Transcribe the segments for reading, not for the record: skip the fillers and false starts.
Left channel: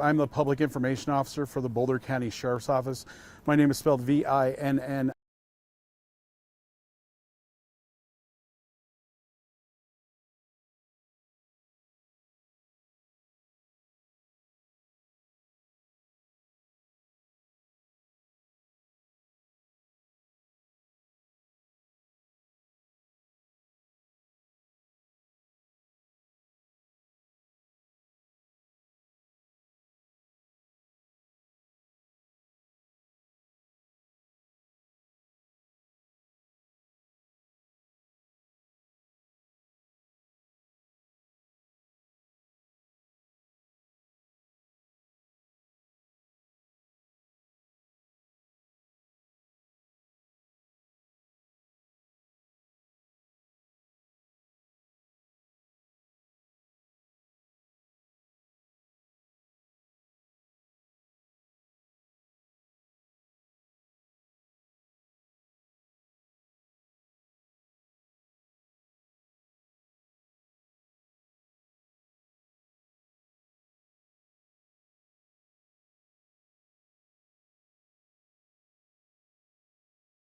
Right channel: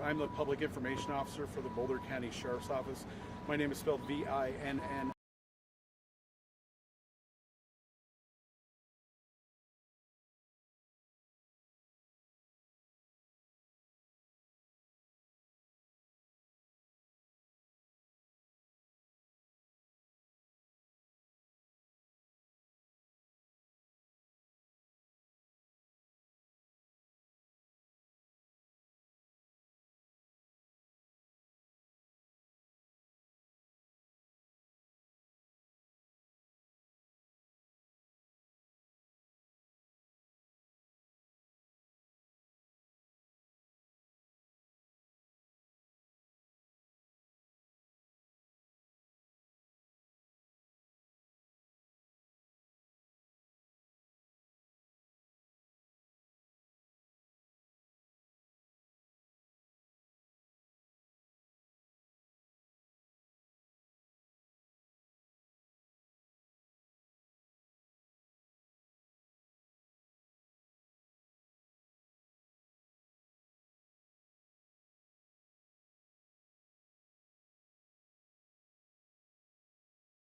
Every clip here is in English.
I'm the Public Information Officer for the Boulder County Sheriff's Office. My name is spelled V-I-N-N.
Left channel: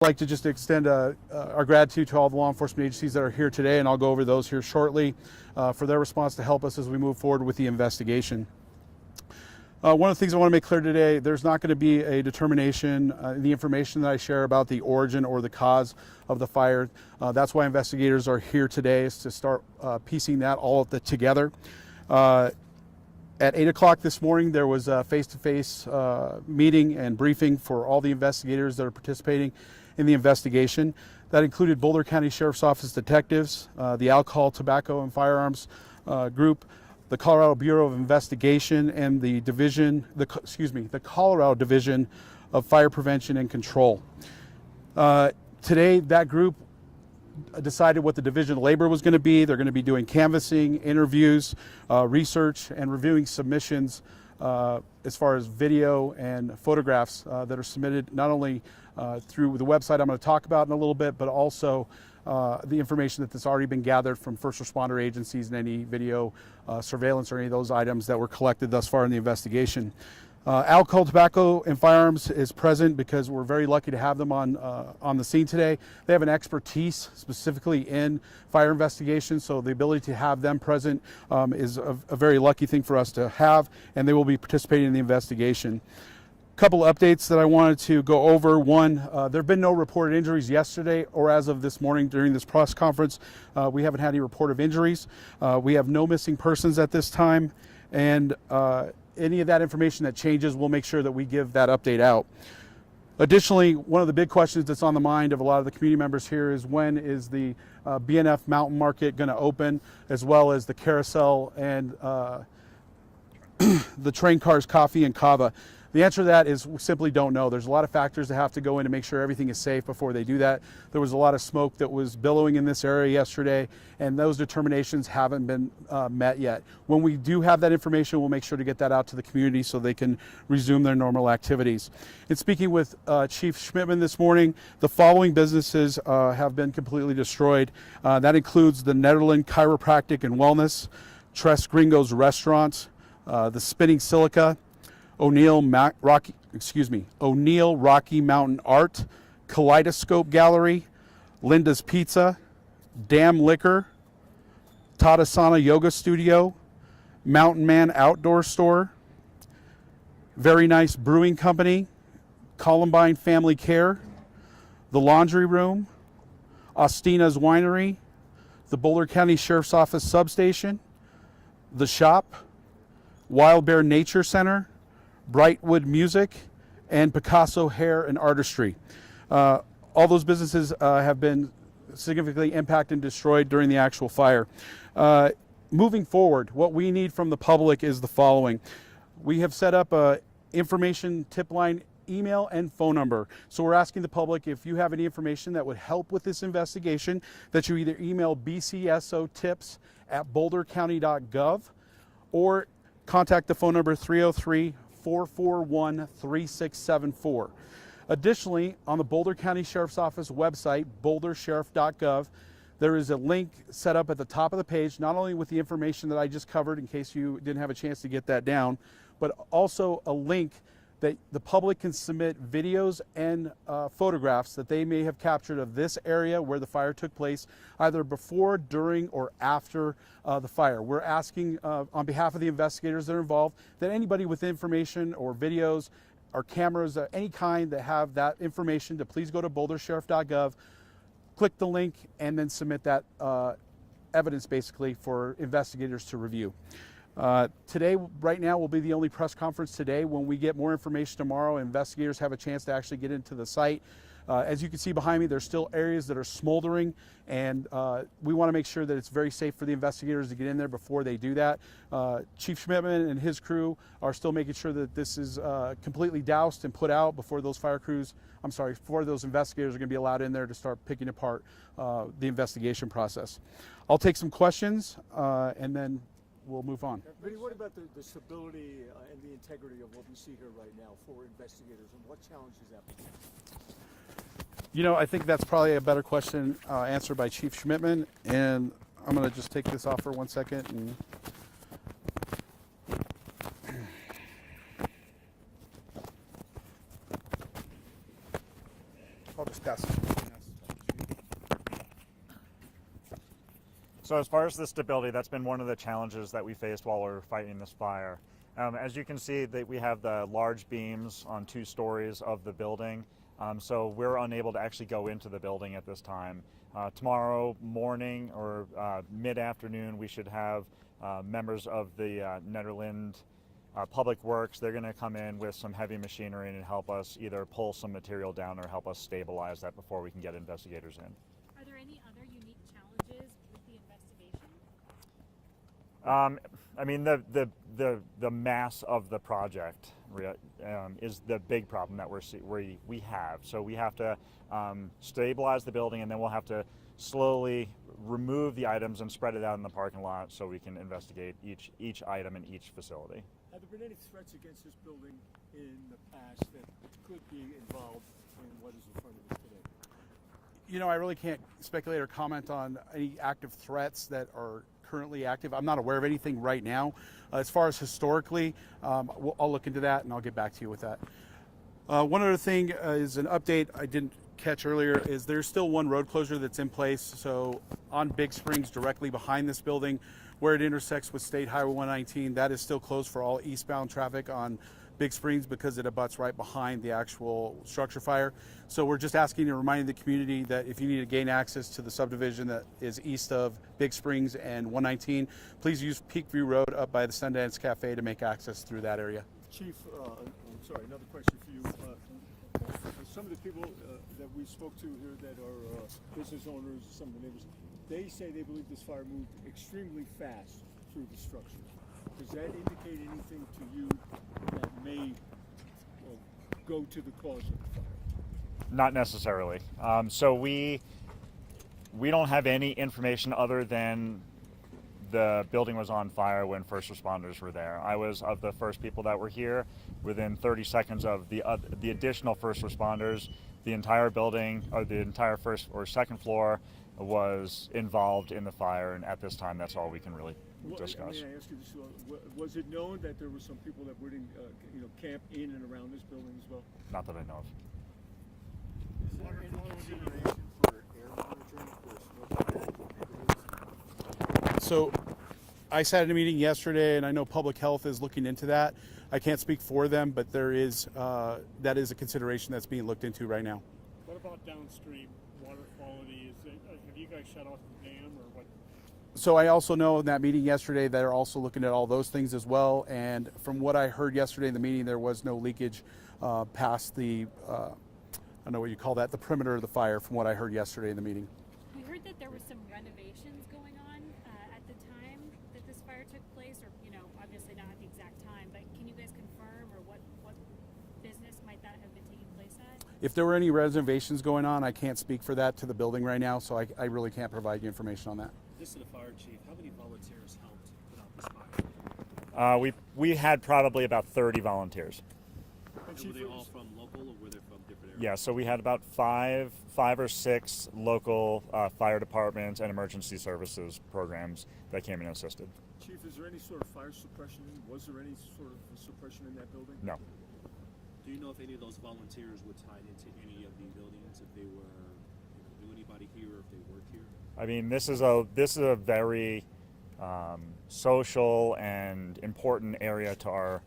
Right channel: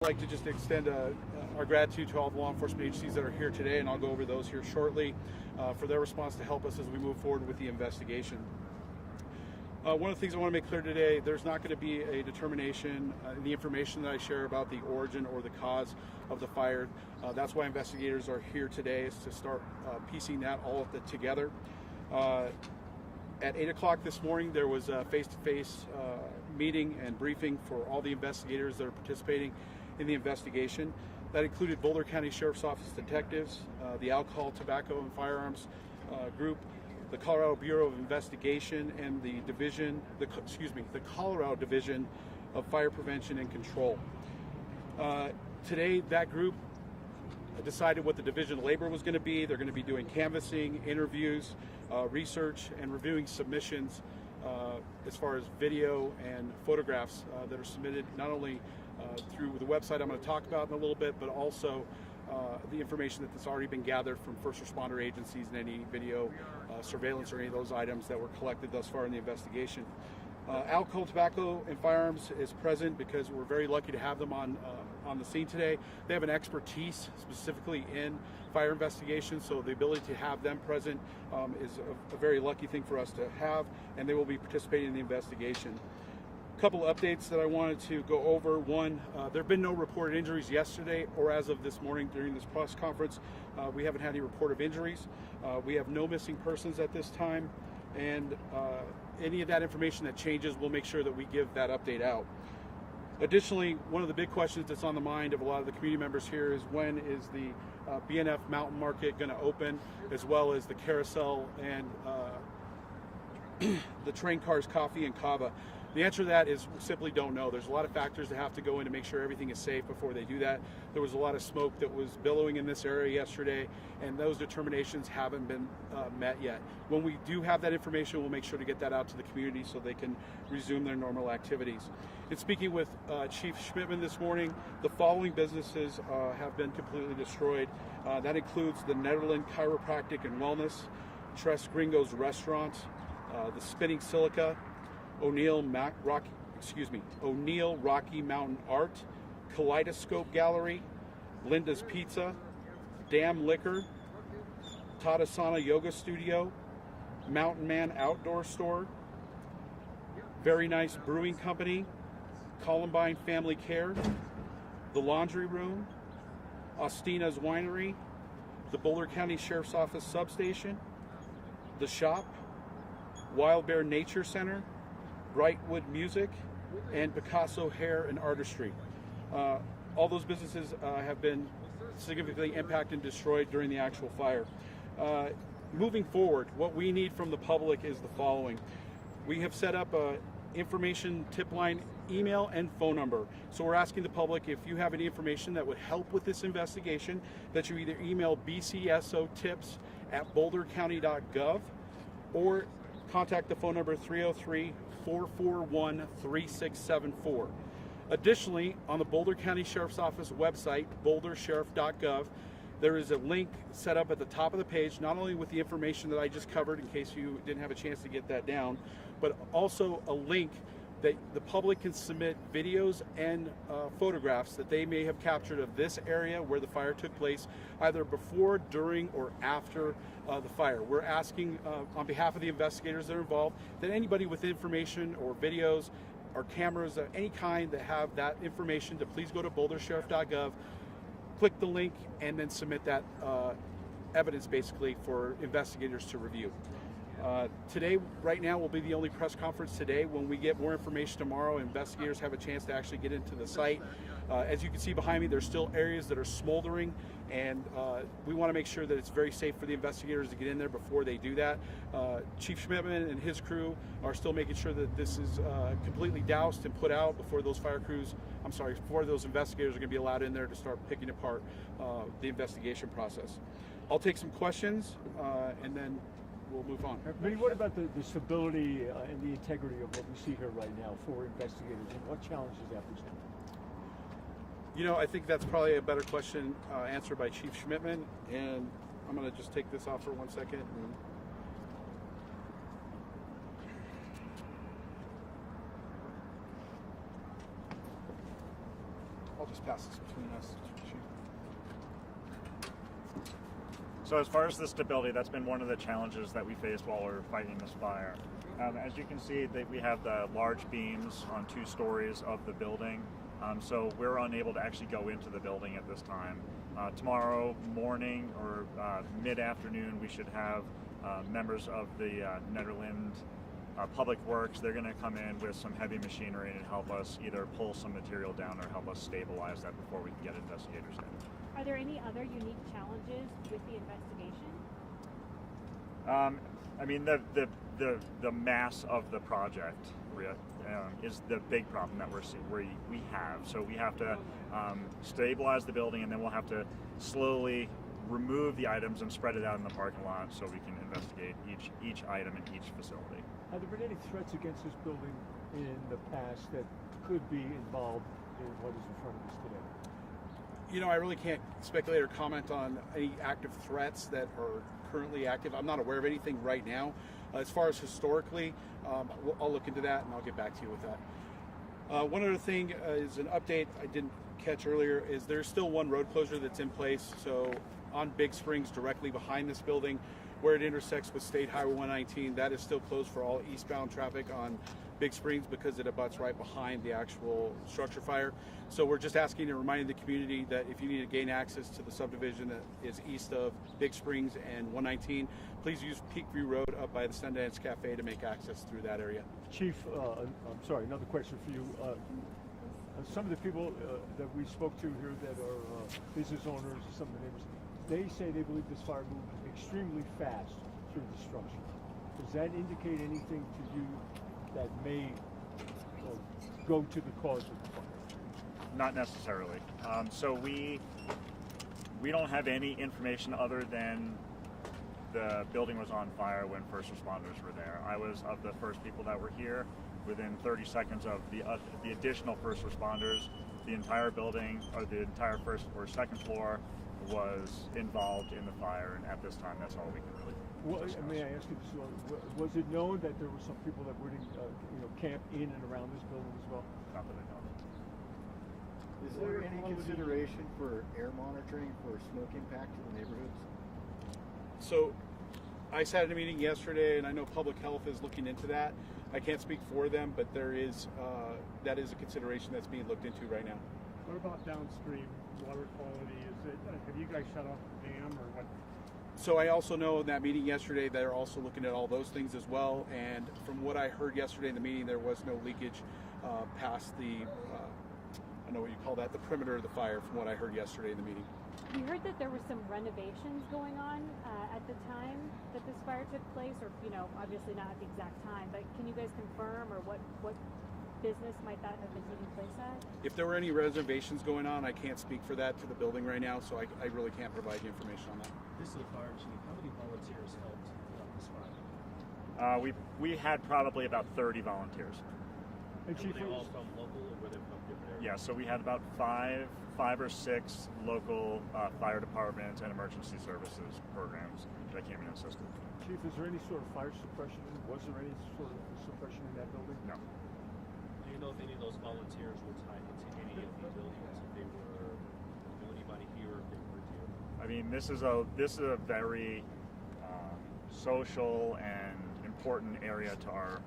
I'd like to just extend our gratitude to all the law enforcement agencies that are here today, and I'll go over those here shortly, for their response to help us as we move forward with the investigation. One of the things I want to make clear today, there's not going to be a determination in the information that I share about the origin or the cause of the fire. That's why investigators are here today, is to start piecing that all together. At 8 o'clock this morning, there was a face-to-face meeting and briefing for all the investigators that are participating in the investigation. That included Boulder County Sheriff's Office detectives, the Alcohol, Tobacco, and Firearms group, the Colorado Bureau of Investigation, and the Colorado Division of Fire Prevention and Control. Today, that group decided what the Division of Labor was going to be. They're going to be doing canvassing, interviews, research, and reviewing submissions as far as video and photographs that are submitted not only through the website I'm going to talk about in a little bit, but also the information that's already been gathered from first responder agencies and any video surveillance or any of those items that were collected thus far in the investigation. Alcohol, Tobacco, and Firearms is present because we're very lucky to have them on the scene today. They have an expertise specifically in fire investigations, so the ability to have them present is a very lucky thing for us to have, and they will be participating in the investigation. Couple updates that I wanted to go over. One, there have been no reported injuries yesterday or as of this morning during this press conference. We haven't had any report of injuries. We have no missing persons at this time, and any of that information that changes, we'll make sure that we give that update out. Additionally, one of the big questions that's on the mind of a lot of the community members here is when is the BNF Mountain Market going to open, as well as the carousel and the train cars, coffee, and kava. The answer to that is we simply don't know. There's a lot of factors that have to go in to make sure everything is safe before they do that. There was a lot of smoke that was billowing in this area yesterday, and those determinations haven't been met yet. When we do have that information, we'll make sure to get that out to the community so they can resume their normal activities. In speaking with Chief Schmidtman this morning, the following businesses have been completely destroyed. That includes the Nederland Chiropractic and Wellness, Tres Gringos Restaurant, the Spinning Silica, O'Neill Rocky Mountain Art, Kaleidoscope Gallery, Linda's Pizza, Dam Liquor, Tadasana Yoga Studio, Mountain Man Outdoor Store, Very Nice Brewing Company, Columbine Family Care, the Laundry Room, Ostina's Winery, the Boulder County Sheriff's Office Substation, the Shop, Wild Bear Nature Center, Brightwood Music, and Picasso Hair and Artistry. All those businesses have been significantly impacted and destroyed during the actual fire. Moving forward, what we need from the public is the following. We have set up a information tip line, email and phone number. So we're asking the public, if you have any information that would help with this investigation, that you either email bcsotips@bouldercounty.gov or contact the phone number 303-441-3674. Additionally, on the Boulder County Sheriff's Office website, bouldersheriff.gov, there is a link set up at the top of the page, not only with the information that I just covered in case you didn't have a chance to get that down, but also a link that the public can submit videos and photographs that they may have captured of this area where the fire took place, either before, during, or after the fire. We're asking on behalf of the investigators that are involved that anybody with information or videos or cameras of any kind that have that information to please go to bouldersheriff.gov, click the link, and then submit that evidence basically for investigators to review. Today, right now, will be the only press conference today. When we get more information tomorrow, investigators have a chance to actually get into the site. As you can see behind me, there's still areas that are smoldering, and we want to make sure that it's very safe for the investigators to get in there before they do that. Chief Schmidtman and his crew are still making sure that this is completely doused and put out before those before those investigators are going to be allowed in there to start picking apart the investigation process. I'll take some questions and then we'll move on. But what about the stability and the integrity of what we see here right now for investigators, and what challenges that present? You know, I think that's probably a better question answered by Chief Schmidtman, and I'm going to just take this off for 1 second. I'll just pass it. So as far as the stability, that's been one of the challenges that we faced while we were fighting this fire. As you can see, we have the large beams on 2 stories of the building, so we're unable to actually go into the building at this time. Tomorrow morning or mid-afternoon, we should have members of the Nederland Public Works. They're going to come in with some heavy machinery and help us either pull some material down or help us stabilize that before we can get investigators in. Are there any other unique challenges with the investigation? I mean, the mass of the project is the big problem that we have. So we have to stabilize the building, and then we'll have to slowly remove the items and spread it out in the parking lot so we can investigate each item in each facility. Have there been any threats against this building in the past that could be involved in what is in front of us today? You know, I really can't speculate or comment on any active threats that are currently active. I'm not aware of anything right now. As far as historically, I'll look into that and I'll get back to you with that. One other thing is an update I didn't catch earlier is there's still one road closure that's in place. So on Big Springs, directly behind this building, where it intersects with State Highway 119, that is still closed for all eastbound traffic on Big Springs because it abuts right behind the actual structure fire. So we're just asking and reminding the community that if you need to gain access to the subdivision that is east of Big Springs and 119, please use Peakview Road up by the Sundance Cafe to make access through that area. Chief, I'm sorry, another question for you. Some of the people that we spoke to here that are business owners, some of the neighbors, they say they believe this fire moved extremely fast through the structure. Does that indicate anything to you that may go to the cause of the fire? Not necessarily. So we don't have any information other than the building was on fire when first responders were there. I was of the first people that were here. Within 30 seconds of the additional first responders, the entire building, or the entire first or second floor, was involved in the fire. And at this time, that's all we can really discuss. May I ask you this? Was it known that there were some people that were camp in and around this building as well? Not that I know of. Is there any consideration for air monitoring for smoke impact in neighborhoods? So I sat at a meeting yesterday, and I know public health is looking into that. I can't speak for them, but there is that is a consideration that's being looked into right now. What about downstream water quality? Have you guys shut off the dam or what? So I also know in that meeting yesterday they're also looking at all those things as well. And from what I heard yesterday in the meeting, there was no leakage past the, I don't know what you call that, the perimeter of the fire, from what I heard yesterday in the meeting. We heard that there were some renovations going on at the time that this fire took place, or obviously not at the exact time. But can you guys confirm, or what business might that have been taking place at? If there were any reservations going on, I can't speak for that to the building right now, so I really can't provide you information on that. This is the fire chief. How many volunteers helped this fire? We had probably about 30 volunteers. And Were Chief, they all from local, or were they from different areas? Yeah, so we had about five or six local fire departments and emergency services programs that came in and assisted. Chief, is there any sort of fire suppression? Was there any sort of suppression in that building? No. Do you know if any of those volunteers were tied into any of the buildings? If they were, knew anybody here, if they weren't here? I mean, this is a very social and important area to our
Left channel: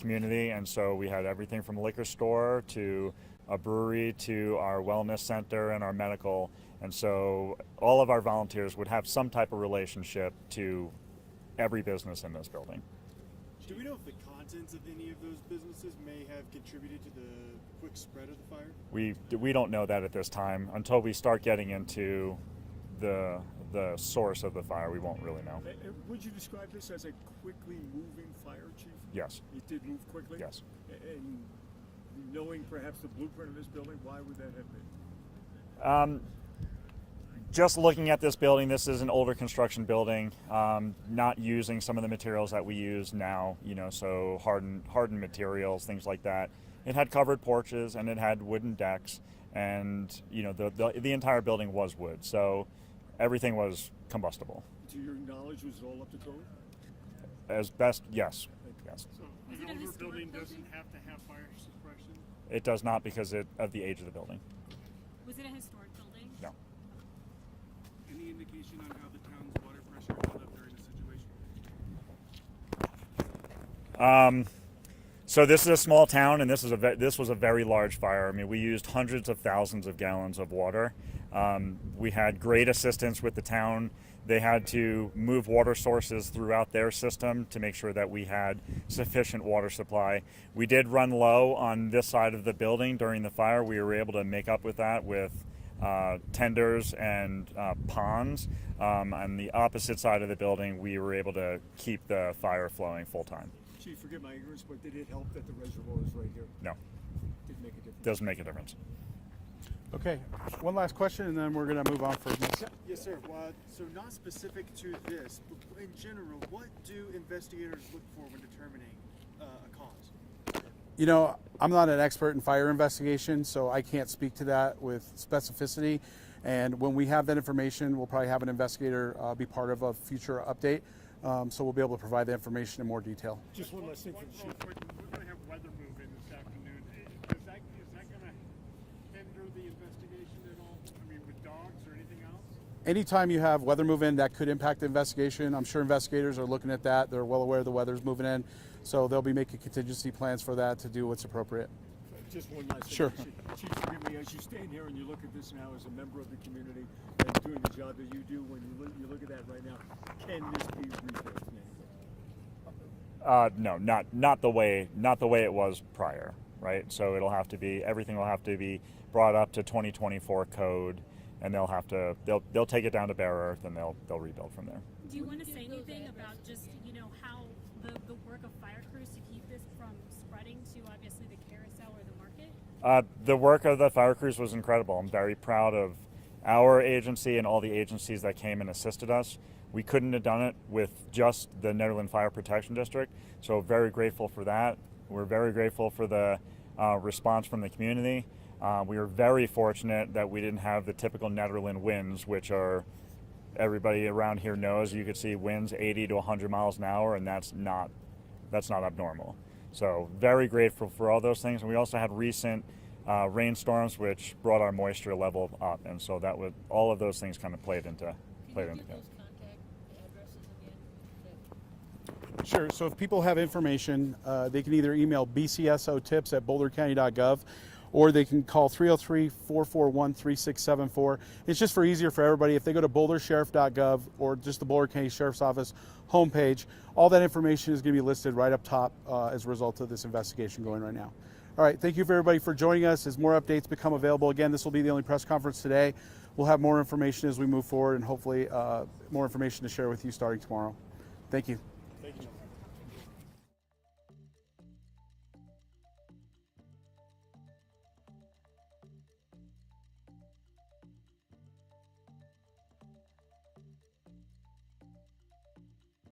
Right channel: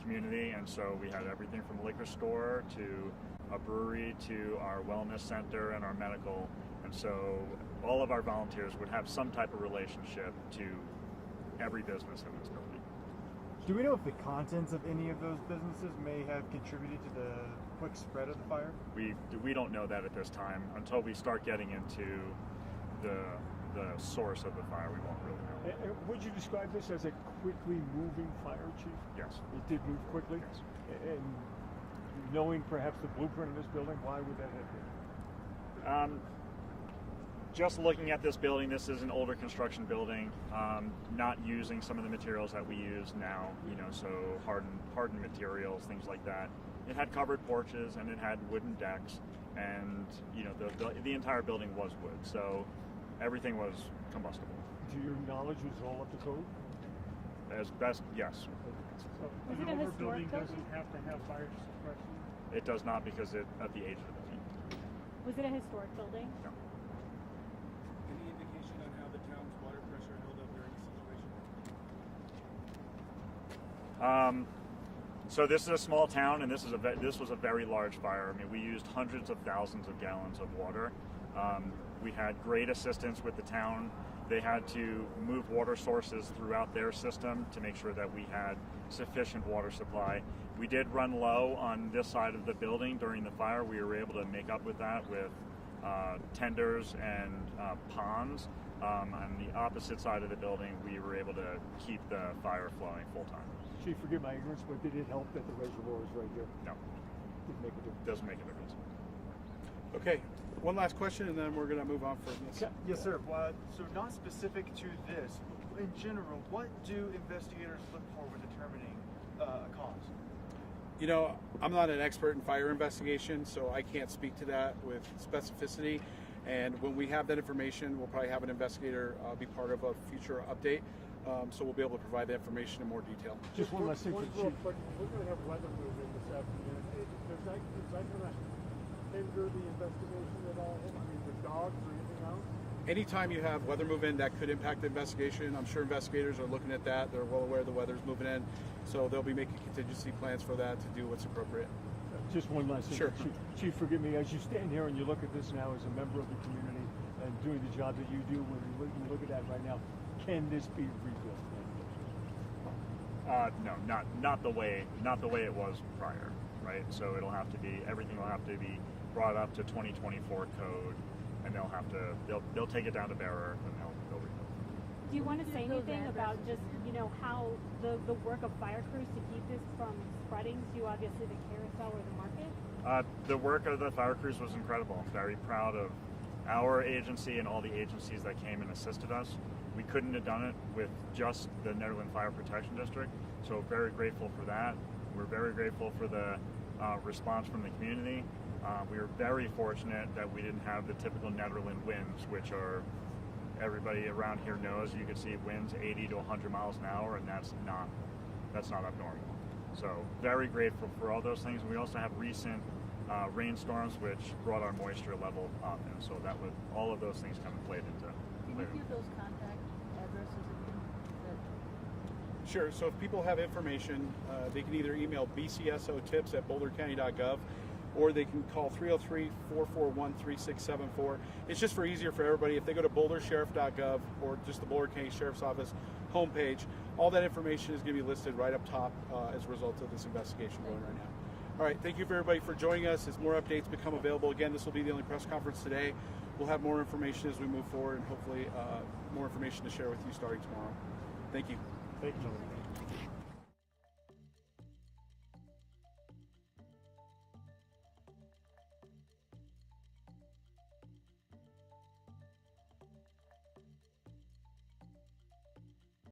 community, and so we had everything from a liquor store to a brewery to our wellness center and our medical, and so all of our volunteers would have some type of relationship to every business in this building. Do we know if the contents of any of those businesses may have contributed to the quick spread of the fire? We don't know that at this time. Until we start getting into the source of the fire, we won't really know. Would you describe this as a quickly moving fire, Chief? Yes. It did move quickly? Yes. And knowing perhaps the blueprint of this building, why would that have been? Just looking at this building, this is an older construction building, not using some of the materials that we use now, so hardened materials, things like that. It had covered porches and it had wooden decks, and the entire building was wood, so everything was combustible. To your knowledge, was it all up to code? As best, yes. So Was an it a older historic building building? doesn't have to have fire suppression? It does not because of the age of the building. Was it a historic building? No. Any indication on how the town's water pressure held up during the situation? So this is a small town, and this was a very large fire. I mean, we used hundreds of thousands of gallons of water. We had great assistance with the town. They had to move water sources throughout their system to make sure that we had sufficient water supply. We did run low on this side of the building during the fire. We were able to make up with that with tenders and ponds. On the opposite side of the building, we were able to keep the fire flowing full time. Chief, forgive my ignorance, but did it help that the reservoir is right here? No, Didn't make a difference. doesn't make a difference. Okay, one last question, and then we're going to move on for next. Yes, sir. So not specific to this, but in general, what do investigators look for when determining a cause? I'm not an expert in fire investigation, so I can't speak to that with specificity. And when we have that information, we'll probably have an investigator be part of a future update. So we'll be able to provide the information in more detail. Just one last thing for Real Chief. quick, we're going to have weather movement this afternoon. Is that going to hinder the investigation at all? I mean, with dogs or anything else? Anytime you have weather move in, that could impact the investigation. I'm sure investigators are looking at that. They're well aware the weather's moving in, so they'll be making contingency plans for that to do what's appropriate. Just one last thing. Sure. Chief, forgive me, as you stand here and you look at this now as a member of the community and doing the job that you do, when you look at that right now, can this be recreated? No, not the way it was prior, right? So everything will have to be brought up to 2024 code, and they'll take it down to bare earth, and they'll rebuild from there. Do you want to say anything about just how the work of fire crews to keep this from spreading to obviously the carousel or the market? The work of the fire crews was incredible. I'm very proud of our agency and all the agencies that came and assisted us. We couldn't have done it with just the Nederland Fire Protection District, so very grateful for that. We're very grateful for the response from the community. We were very fortunate that we didn't have the typical Nederland winds, which are, everybody around here knows, you could see winds 80 to 100 miles an hour, and that's not abnormal. So very grateful for all those things. And we also had recent rainstorms, which brought our moisture level up, and so all of those things kind of played into. Can you give those contact addresses again? Sure. So if people have information, they can either email bcsotips@bouldercounty.gov, or they can call 303-441-3674. It's just easier for everybody if they go to bouldersheriff.gov or just the Boulder County Sheriff's Office homepage. All that information is going to be listed right up top as a result of this investigation going right now. All right, thank you for everybody for joining us. As more updates become available, again, this will be the only press conference today. We'll have more information as we move forward, and hopefully more information to share with you starting tomorrow. Thank you. Thank you, gentlemen.